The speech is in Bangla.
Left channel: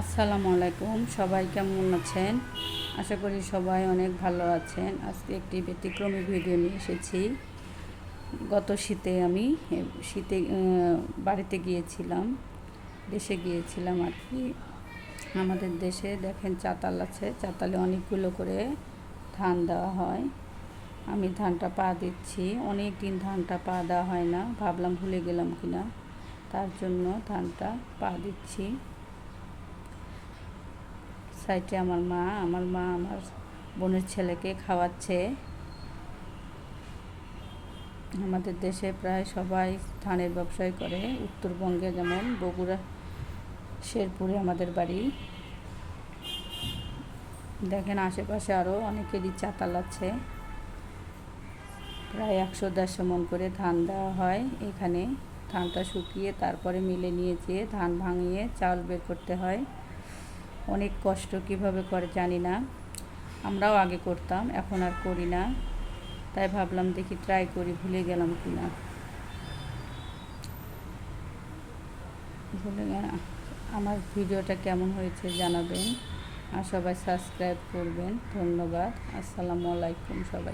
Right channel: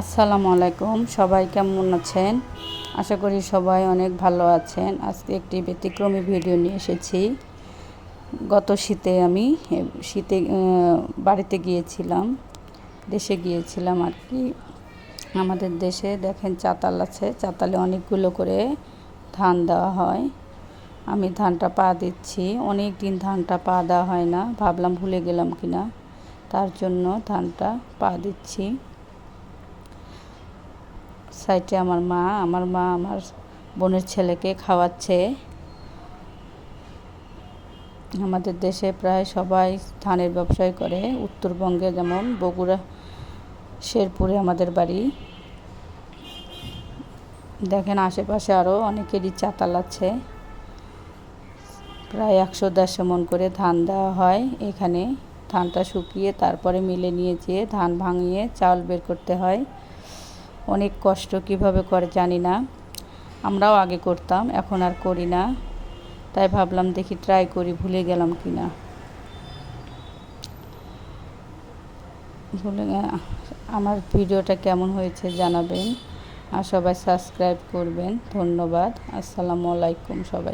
আসসালামু আলাইকুম, সবাই কেমন আছেন? আশা করি সবাই অনেক ভালো আছেন। আজকে একটি ব্যতিক্রমী ভিডিও নিয়ে এসেছি। গত শীতে আমি বাড়িতে গিয়েছিলাম, দেশে গিয়েছিলাম আর কি। আমাদের দেশে দেখেন চাতাল আছে, চাতালে অনেকগুলো করে ধান দেওয়া হয়। আমি ধানটা পা দিচ্ছি, অনেক দিন ধানটা পা দেওয়া হয় না, ভাবলাম ভুলে গেলাম কিনা, তার জন্য ধানটা পা দিচ্ছি। সাইডে আমার মা আমার বোনের ছেলেকে খাওয়াচ্ছে। আমাদের দেশে প্রায় সবাই ধানের ব্যবসায় করে। উত্তরবঙ্গে যেমন বগুড়া, শেরপুরে আমাদের বাড়ি। দেখেন আশেপাশে আরও অনেকেরই চাতাল আছে। প্রায় 100-150 মণ করে ধান দেওয়া হয় এখানে। ধানটা শুকিয়ে তারপরে মিলে নিয়ে যেয়ে ধান ভাঙিয়ে চাউল বের করতে হয়। অনেক কষ্ট, কিভাবে করে জানি না। আমরাও আগে করতাম, এখন আর করি না। তাই ভাবলাম দেখি ট্রাই করি, ভুলে গেলাম কিনা। আমার ভিডিওটা কেমন হয়েছে জানাবেন, আর সবাই সাবস্ক্রাইব করবেন। ধন্যবাদ। আসসালামু আলাইকুম সবাই।